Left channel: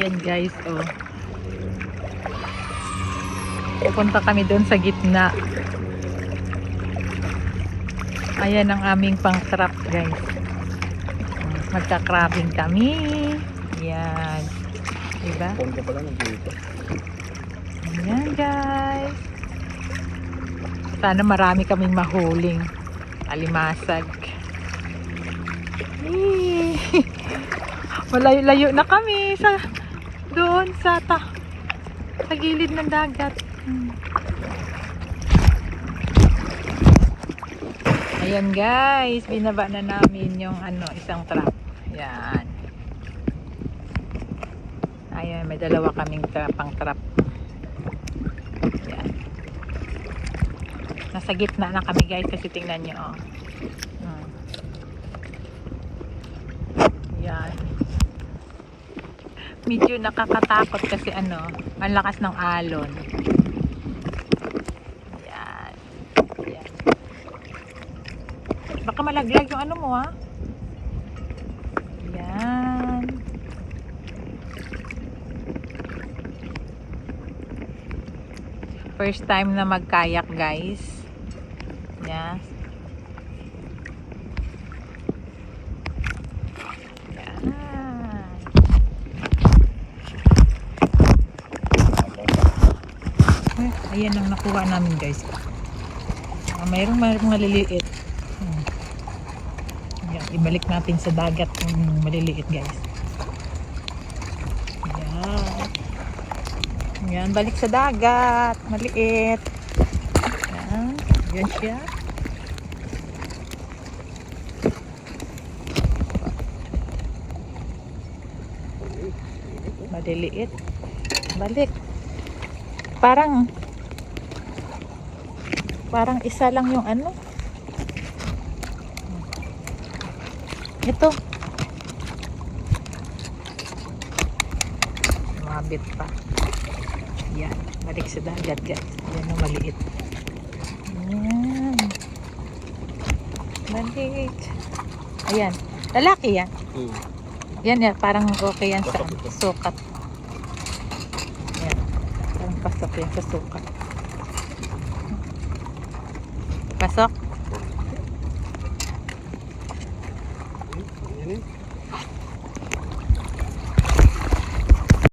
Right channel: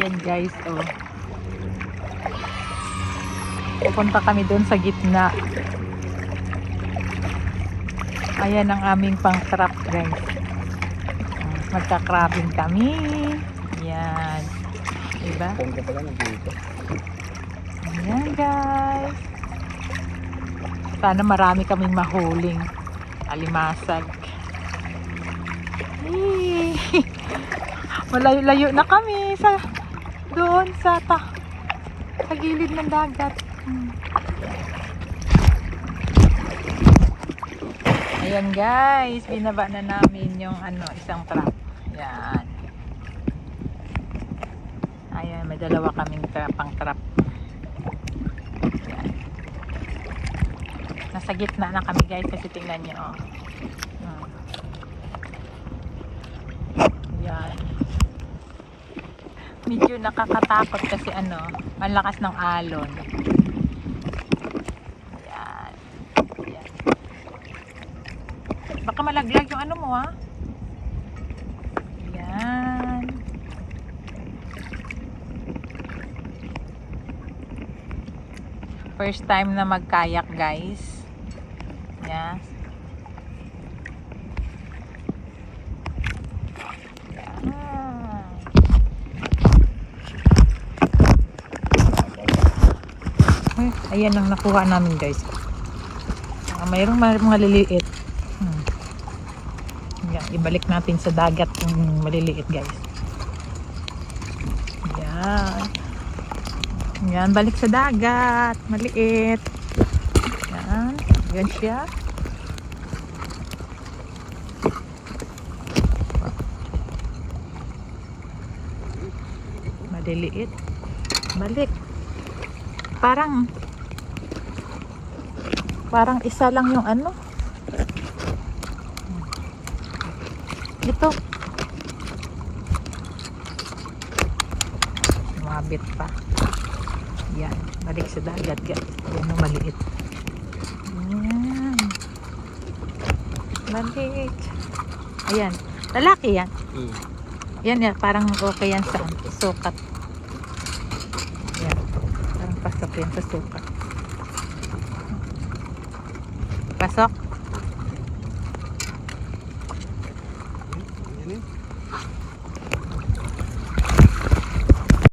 Ayan guys, oh. Pupunta kami doon sa gitna. Ayan ang aming pang-trap guys. Magka-crabbing kami. Ayan. Diba? Punta pala ng dito. Ayan guys. Sana marami kaming mahuling alimasag. Malayo-layo na kami sa doon sa gilid ng dagat. Ayan guys, binaba na namin yung isang trap. Ayan. Ayan, may dalawa kaming pang trap. Ayan. Nasa gitna na kami guys kasi tingnan nyo. Oh. Ayan. Medyo nakakatakot kasi ang lakas ng alon. Ayan. Ayan. Baka malaglag yung mo ha. Ayan. First time na magkayak guys. Ayan. Ayan ang nakuha namin guys. Mayroong mga liliit. Ayan, ibalik natin sa dagat yung maliliit guys. Ayan. Ayan, balik sa dagat. Maliit. Ayan. Ayan siya. Maliliit. Balik. Parang isa lang yung ito mabit pa. Yan, balik sa dagat guys. Yan ang maliit. Yan, balik. Ayan, lalaki yan. Yan, parang okay yan sa sukat. Yan, parang pasok yan sa sukat. Pasok.